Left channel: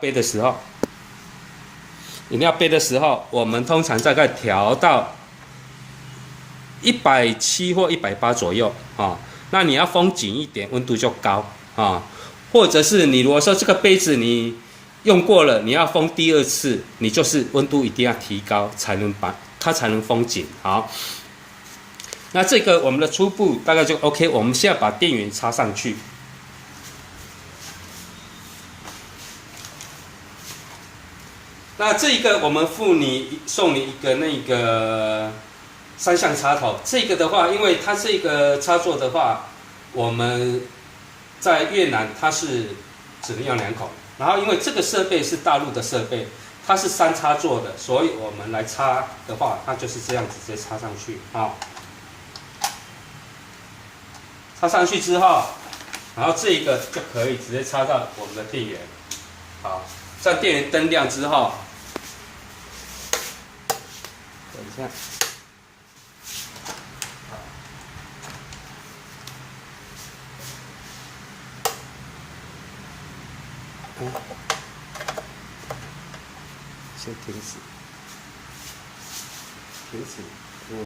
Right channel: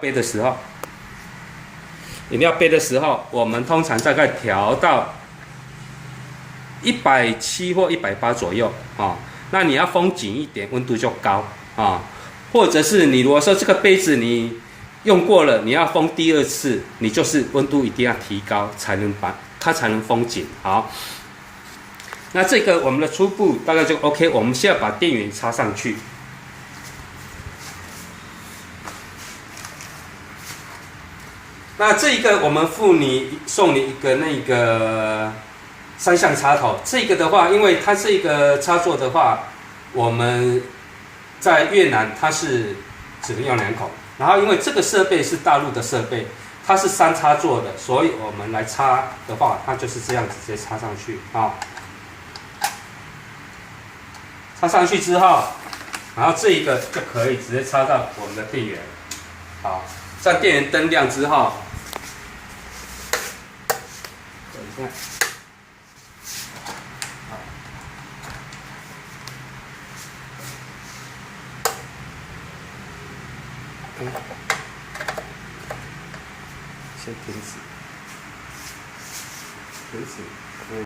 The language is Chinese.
杯的时候，饮料杯的时候，我们通常大概调到170或180左右啊。那你要封紧一点，温度就高啊。或者是你如果说这个杯子你用过了，你要封第二次，你就是温度一定要提高，才能把它才能封紧。好，那这个我们的初步大概就 OK。我们现在把电源插上去。那这个我们送你一个那个3项插头，这个的话，因为它这个插座的话，我们在越南它是只能用2口，然后因为这个设备是大陆的设备，它是3插座的，所以我们来插的话，它就是这样子直接插上去啊。插上去之后，然后这一个就可以直接插到我们的电源，好，这样电源灯亮之后。等一下，先停止，停止。